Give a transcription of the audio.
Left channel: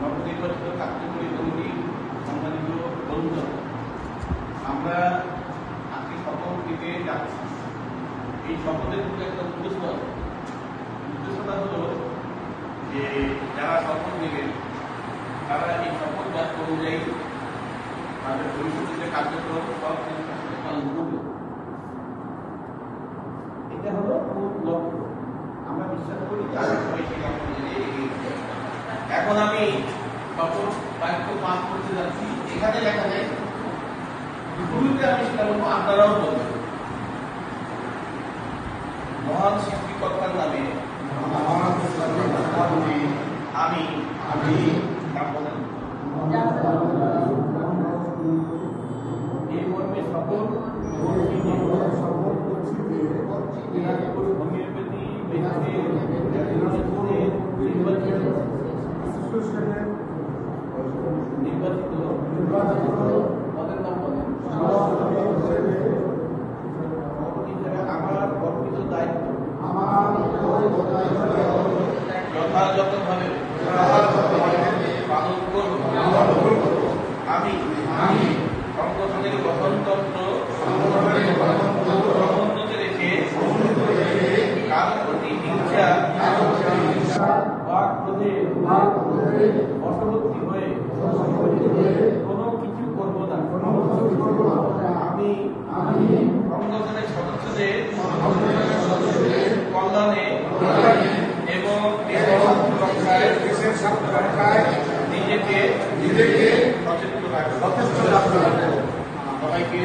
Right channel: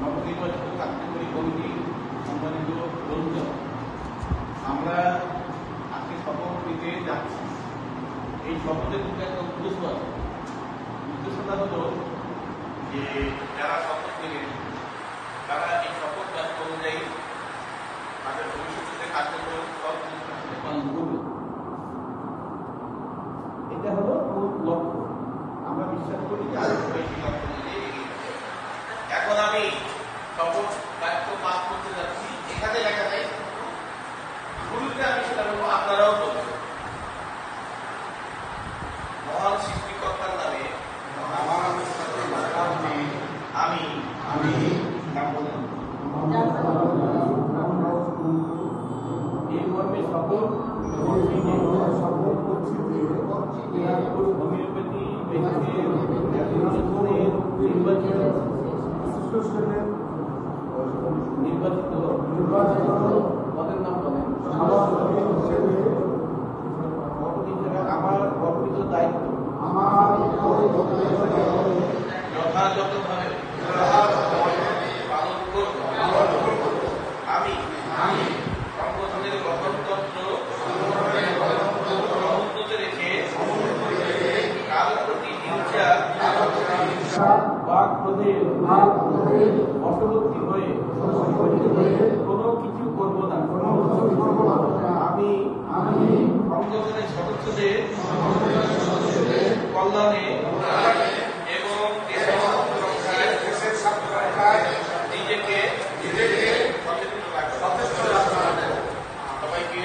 নবনির্বাচিত কার্যকরী কমিটি সম্মানিত বন্ধুগণ, আমরা আজকে শপথ দিতে যাচ্ছি। এই শপথের মধ্যে একটা উদ্দেশ্যটা হলো যে যারা শপথ নেবেন তারা এই শপথ বাক্য অনুযায়ী তাদের ভবিষ্যতে কার্যক্রম সব পালন করবে। এটা হলো মূল লক্ষ্য। আমরা বিশ্বাস করি যে আগে সবাই সেই লক্ষ্য অনুযায়ী এগিয়ে যাবে। এখন আমি শপথ বাক্য পাঠ করতে যাচ্ছি। এখানে দেখা যায় শুরুতে আমি সেটা বলবো, আপনারাও বলবেন। মহান সৃষ্টিকর্তার নামে আমি এই মর্মে শপথ হোমিওপ্যাথি নির্বাচিত পদের নাম বলেন। আমার অর্পিত দায়িত্ব যথাযথভাবে পালন করব। আমি সংগঠনের গঠনতন্ত্র সমুন্নত রেখে কারো প্রতি হিংসা বা ক্রোধের বশবর্তী হয়ে কোনো কিছু করব না। আমি সংগঠনের সদস্যদের কল্যাণে এবং দেশের রক্ষায় নিজেকে সচেতন রাখবো। সবাইকে